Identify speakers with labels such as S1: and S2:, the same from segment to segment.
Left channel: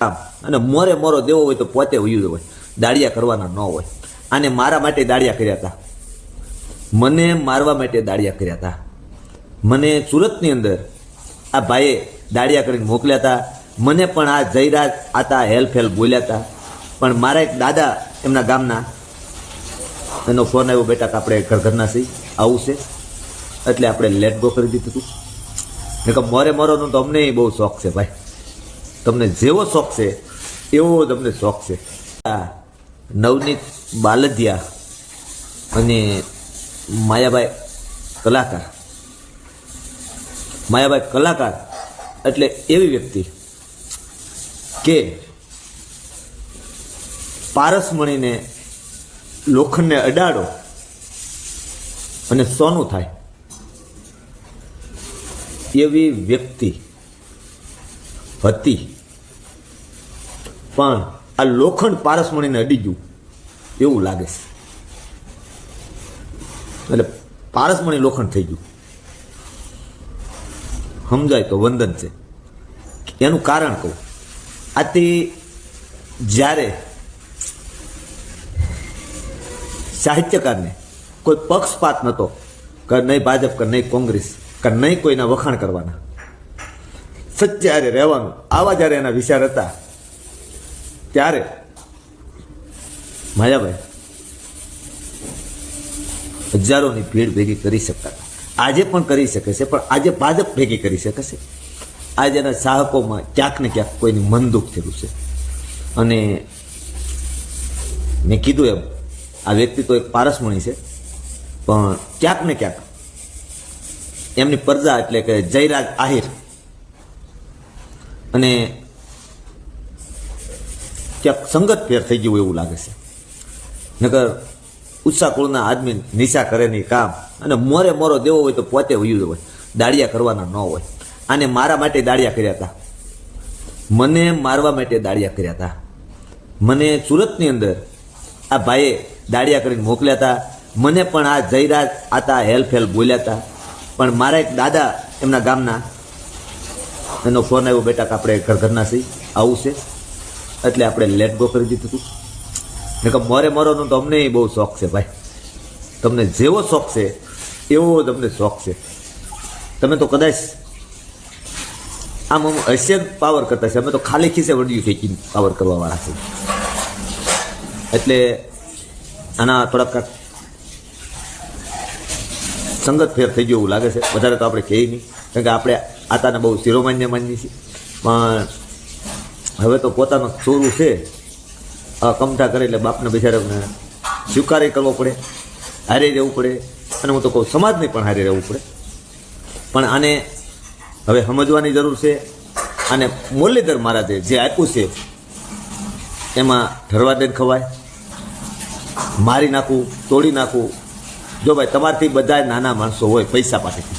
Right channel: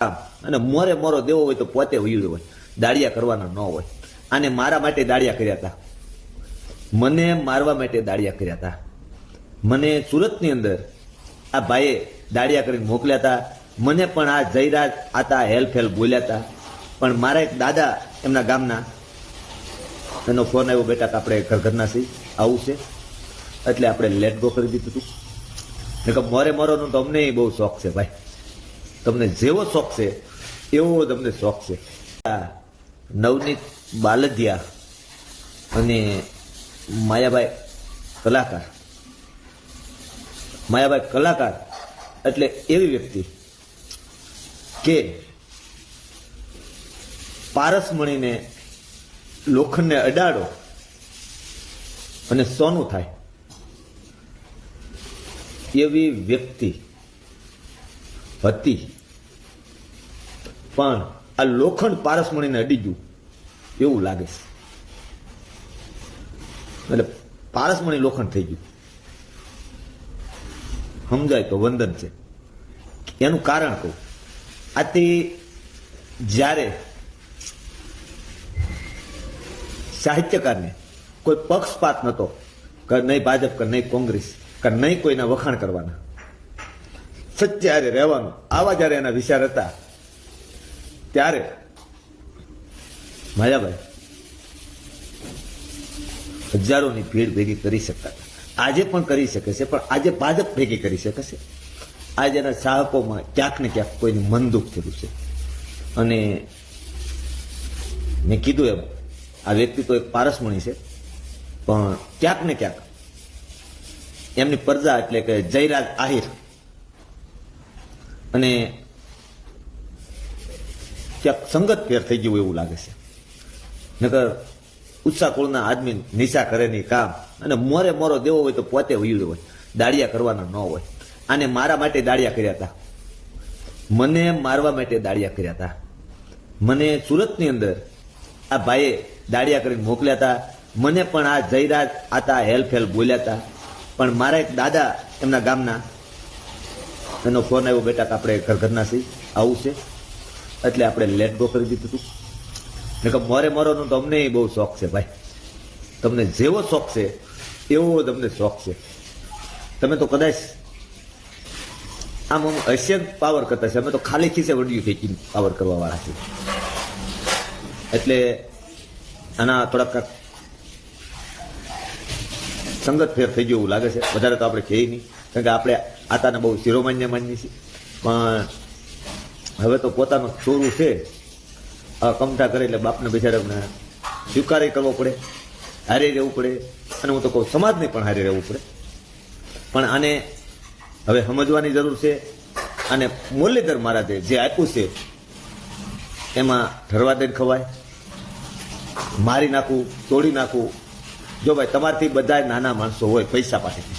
S1: અને મોરે મોરો દેવો હોય તો પોતે ઉયું હોય. દાળિયા કરવાના ન હોય. આને મારા માટે દાળિયા કર્યા હતા મને મારવા માટે દાળિયા કર્યા હતા મને સુરતની અંદર આ ભાઈએ દાળિયા કરીને મોકલ્યા હતા મને પણ આ જયરાજ આતા હેલ્પ બોલ્યા હતા પણ મારા એક દાદા એમના ગામના, એનો ફોન આવ્યો, બેટા આપણે ઘરઘરના સી આવું છે. એટલે આપણે લેટ ગો કરી દીધું હતું મોરે મોરોનો તો અમને બહુ શોખ છે ભાઈ. તમને જેવો શોખ છે, એવો તમને શોખ છે. નવનીત બાલદિયા અને માયાભાઈ કલાકાર. માયાભાઈ કલાકાર એટલે એવી વ્યક્તિ કે પારસમણીને લોખંડને અડાડો અને સોનું થાય. એવી વ્યક્તિ હતી પણ આ લોખંડ પારસમણીને અડી ગયું. એવું લાગે છે. એટલે પારસમણી લોખંડ થઈ ગયું. સમજાય તો વંદન છે. એનું કારણ કહું. આ તે જ્યારે સાહિત્યકારને કોઈ પક્ષપાત નહોતો કે નહીં ભાજપ કે નહીં કોંગ્રેસ કે નહીં કોઈના વખાણ કરવાના સચ્ચારે રહેવાનું. આવા જ્યારે એના વિચાર હતા, ત્યારે. માયાભાઈ, હજારોની ભીડ ભેગી કરી શકતા આજે પણ કરી શકે છે, પણ આજે ભાજપ ભેગી કરી શકે છે. આજે એના ચાહકોમાં ક્યાંક ને ક્યાંક કોઈની મન દુઃખ થયેલું છે. અને મેં કીધું એમ, આ વ્યક્તિ તો એક પારસમણી છે, પણ ક્યાંક ને ક્યાંક એમની પ્રજા એટલે કે જયરાજ આહિર અને ક્યાંક સંગત ફેર થઈ ગયું એવું લાગે છે. નગર ઉત્સાહ કુળના આદમી નિશા કરે નહીં કામ. અને મોરે મોરો દેવો હોય તો પોતે વયું હોય. દાડિયા કરવાના ન હોય. આને મારા માટે દાળિયા કર્યા હતા મને મારવા માટે દાળિયા કર્યા હતા મને સુરતની અંદર આ ભાઈએ દાળિયા કરીને મોકલ્યા હતા મને પણ આ જયરાજ આતા હેલ્ફ હેલ્પ બોલ્યા હતા પણ મારા એક દાદા એમના ગામના એનો ફોન આવ્યો, બેટા, કે આપણે ઘર ઘરના સહી આવું છે. એટલે આપણે લેટ ગો કરી દીધું હતું મેં કહ્યું મોરે મોરોનો તો અમને બહુ શોખ છે ભાઈ. તમને જેવો શોખ છે, એવો તમને શોખ છે. તમે તો કદાચ આમ અમે એશિયન પાવર કરતા છે. અમે તો ખાલી ખીસે વળ્યું ખેંચીને પાવર કરવા વાળા છે. એટલે આના થોડાક સંગત ફેર થઈ ગયો એવું લાગે છે. વધારે તો આપણે કહીએ નહીં. કારણ કે આપણે આતાને બહુ શિરોમાન્ય માન્ય છે. પણ હવે તો પોતાનું છોરું છે. કમતા કરે એટલે બાપને બિચારા સ્વીકારે કરવો પડે, હારે રહેવું પડે. અને હું તો કહું સમાજને પણ હારે રહેવું પડે. પણ આને હવે સમજવાની જરૂર છે. અને મુરલીધર મહારાજે જે આપ્યું છે, એમાં ઠરવા દેન ખવાય, મારી નાખું, તોડી નાખું. જો ભાઈ તમારથી બધા નાના માણસો હોય પૈસા પાસેથી.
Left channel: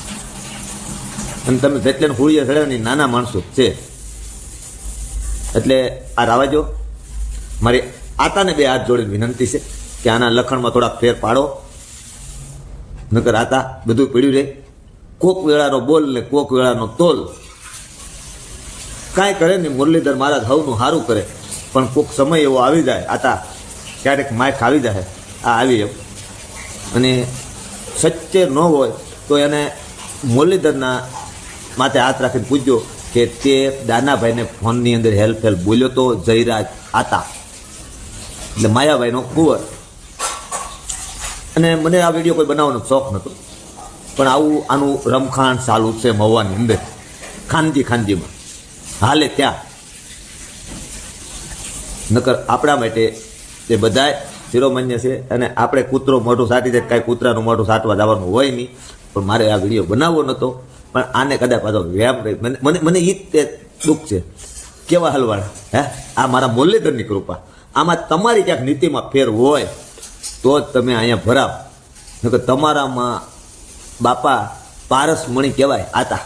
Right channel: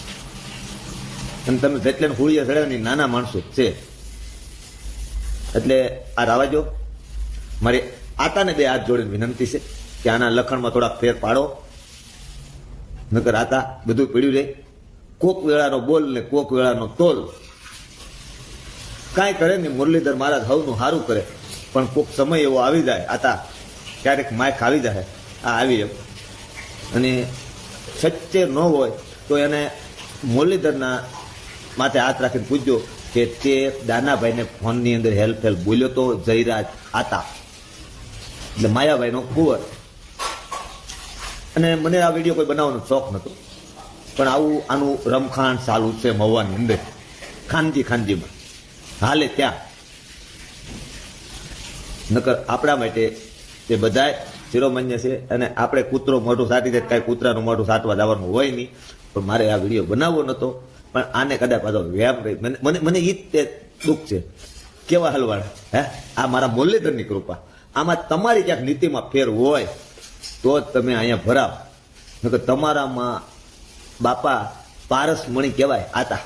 S1: અને તમે જેટલે હોળીએ ચડે ને નાના માણસો છે. એટલે આ રાવાજો, મારી આતાને બે હાથ જોડીને વિનંતી છે કે આના લખણમાં થોડાક ફેર પાડો. નકર આતા બધું પીડ્યું રહે કોક વેળાનો બોલ ને કોક વેળાનો તોલ. કાંઈ કરે ને મુરલીધર મહારાજ હવનું સારું કરે. પણ કોક સમય એવો આવી જાય આતા ક્યારેક માય ખાવી જાય આ આવી એમ અને સત્ય ન હોય તો એને મુરલીધરના માથે હાથ રાખીને પૂછજો કે તે દાનાભાઈને ફોનની અંદર હેલ્પ હેલ્પ બોલ્યો તો જયરાજ આતા. એટલે માયાભાઈનો કુંવર. અને મને આ વીડિયો કોઈ બનાવવાનો શોખ નહોતો પણ આવું આનું રમખાણ ચાલુ છે મવાની અંદર. ખાનજી ખાનજીમાં. હાલે ત્યાં. નકર આપણા માટે તે બધાય શિરોમાન્ય છે અને આપણે કૂતરો મોઢું સાટી દે કાંઈ કૂતરાનું મોઢું સાટવા જવાનું હોય નહીં. પણ મારે આ વીડિયો બનાવવો નહોતો પણ આને કદાચ પાછો વ્યાયામ કરી મને મને તે દુઃખ છે. કેવા હલવાડ હે? આ મારા મુરલીધરની કૃપા. આમાં તમારી ક્યાંક નીતિમાં ફેર હોય તો જ તમે અહીંયા ભરાવ. કે તમારામાં બાપા પારસમણી કહેવાય આતા.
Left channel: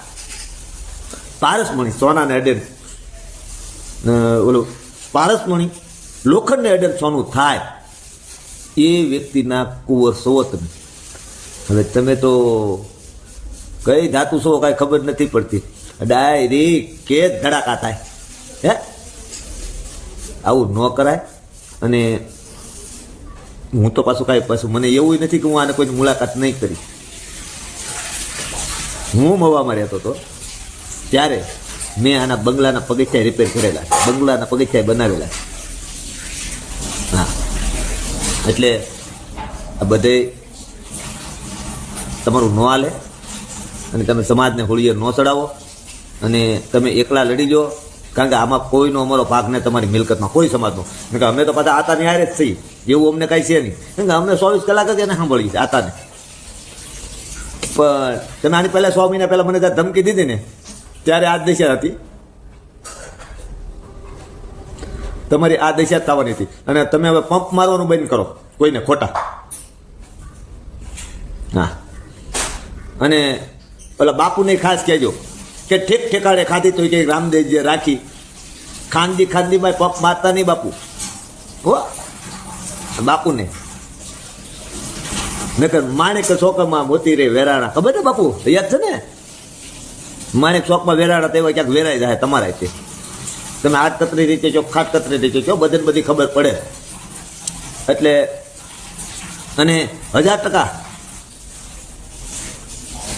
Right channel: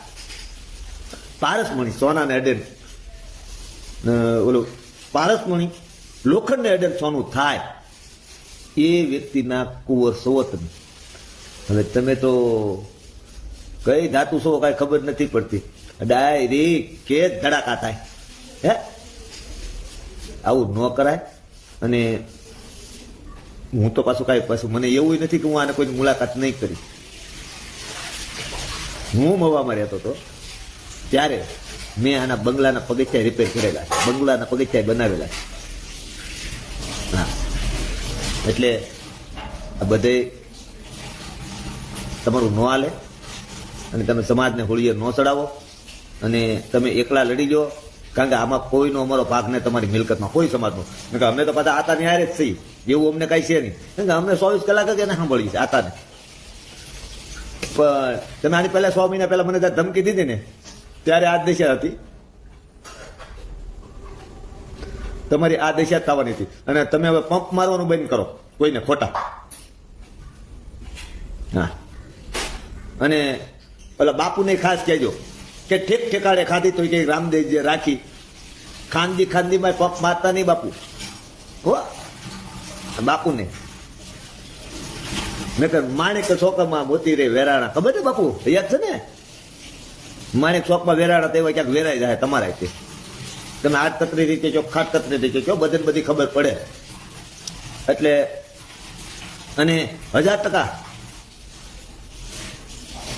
S1: પારસમણી સોનાને અડે અ, ઓલું પારસમણી લોખંડને અડેન સોનું થાય. એ વ્યક્તિના કુંવર સોવત હવે તમે તો કઈ ધાતુ છો કાંઈ ખબર નથી પડતી. ડાયરી કે ધડાકા થાય. હે? આવું ન કરાય. અને હું તો પાછું કાંઈ પાછું મને એવું નથી કે હું આને કોઈની મુલાકાત નહીં કરી. હું મવામાં રહેતો હતો ત્યારે મેં આના બંગલાના પગથિયા રિપેર કરેલા. બંગલાના પગથિયા બનાવેલા. હા. એટલે આ બધે તમારું ન હાલે. અને તમે સમાજને હોળીએ ન ચડાવો. અને તમે એકલા લડી લો. કારણ કે આમાં કોઈનો અમારો ભાગ નહીં, તમારી મિલકતમાં કોઈ સમાજનો. કે અમે તો પાછા આતાની હારે જ થઈ એવું અમને કાંઈ છે નહીં. કારણ કે અમને ચોવીસ કલાક જ એને સાંભળીએ છે આતાને. પણ તમે આની પહેલાં સો મહિના પહેલાં મને ત્યાં ધમકી દીધી ને, ત્યારે આ દિશા હતી. તમારી આ દિશા જ થવાની હતી. અને તમે હવે પંપ મારવાનું બંધ કરો, કોઈને ખોટા. હા. અને પેલા બાપુને ખાસ કહેજો કે ઠેક ઠેકાણે ખાધી તો કે રામદેવજી રાખી. ખાંદી ખાંદીમાં પપ મારતા નહીં બાપુ. હો? બાપુને. નકર માણેક ચોકમાં મોતી રે વેરાણા. ખબર ને બાપુ? યાદ છે ને? માણેક ચોકમાં વેરાણા તેવા ક્યાંક વેરાઈ જાય તમારે તે તમે આઠ કતરી રીતે છો ખાટ કતરી રીતે છો બધે ને બધી ખબર પડે. એટલે અને હજાર ટકા.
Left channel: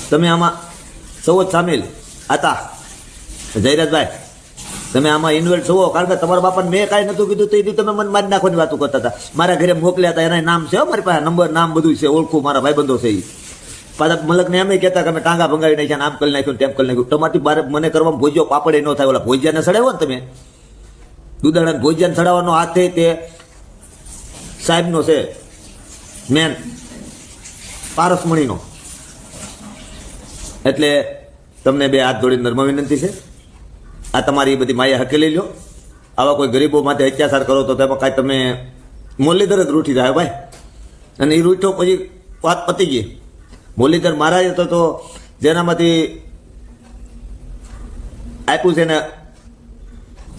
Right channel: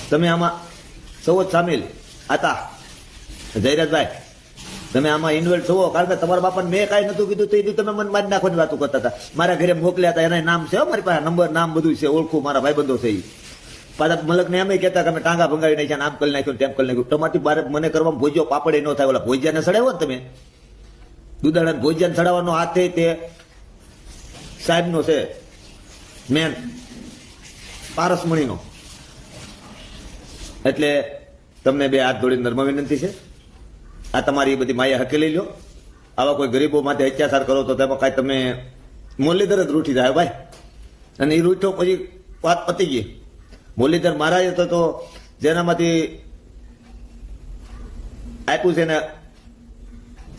S1: તમે આમાં સૌ સામેલ. હતા જયરાજભાઈ તમે આમાં ઇન્વોલ્વ થવો કારણ કે તમારા બાપા મેં કાંઈ નતું કીધું, તો એ તમે મને મારી નાખવાની વાતો કરતા હતા. મારા ઘરે મોકલ્યા હતા, એના નામ છે મારી પાસે. નંબર, નામ બધું છે, ઓળખું મારા ભાઈબંધો છે એ પાછા મલકને એમ કહેતા કે અમે ટાંગા ભંગાવી નાખ્યા આમ કરી નાખ્યું તેમ કરી નાખ્યું. તમારી બારે મને કરવામાં ભોજ્યો પાપડે ન થાય ઓલા ભોજ્યાને સડાવો ને તમે? દુધાળાને ભોજ્યાને સડાવવાનો હાથે તે. સાહેબનો છે, મેન. પારસમણીનો. એટલે તમને બે હાથ જોડીને નર્મ વિનંતી છે. આ તમારી બધી માયા હકેલી લો. આવા કોઈ ગરીબો માટે અત્યાચાર કરો તો તેમાં કાંઈ તમે મુરલીધર જ રૂઠી જાય ભાઈ. અને એ રૂઠો પછી વાત પતી ગઈ. મુરલીધર મહારાજ તો તો જેનામાંથી આપ્યું છે ને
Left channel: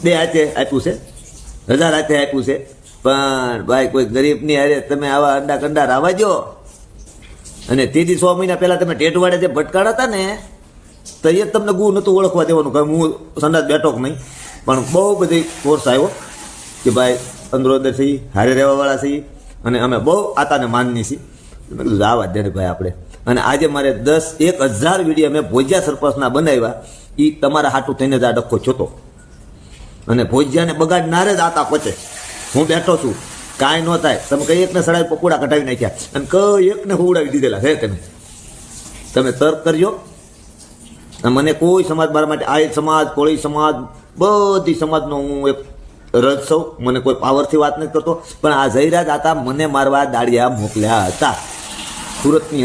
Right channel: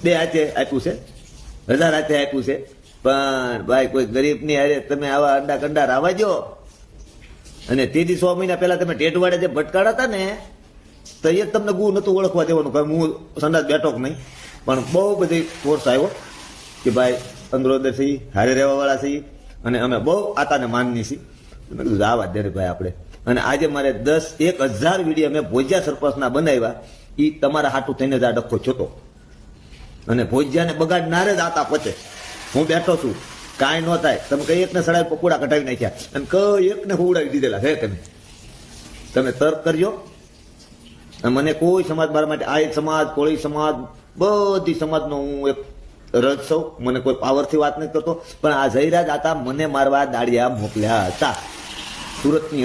S1: બે હાથે આપ્યું છે. હજાર હાથે આપ્યું છે. પણ ભાઈ કોઈ ગરીબની હારે તમે આવા અંડા કંડા રાવા દો અને તેથી સો મહિના પહેલા તમે ટેટવાડે જે ભટકાડા હતા ને, તો એ તમને ગુ નતું ઓળખવા દેવાનું, કે હું સંદાસ બેઠો કે નહીં. પણ બહુ બધી કોર્સ આવ્યો કે ભાઈ અંદરોદર છે હારે રહેવાવાળા છીએ અને અમે બહુ આતાને માનની છીએ. મેં આવા દે ભાઈ આપણે. અને આજે મારે દસ એક હજાર વીડિયો મેં ભોજિયા સરપંચના બનાવ્યા એ તમારા હાટું થઈને જ આ ડખો જોતો અને ભોજિયાને બગાડનારે જ આતા પહોંચે હું બેઠો છું. કાંઈ ન થાય. તમે કઈ એકને સડાઈ પકોડા કઢાવી નાખ્યા. અને કઈ એકને હોવડાવી દીધેલા. હે તમે તમે તર્ક કરજો. મને કોઈ સમાજ મારા માટે આય સમાજ, કોળી સમાજ, બધી સમાજનો હું એક રજ સૌ મને કોઈ પાવરથી વાત નથી કરતો. પણ આ જયરાજ હતા મને મારવા દાડિયા મોકલ્યા હતા. સુરતની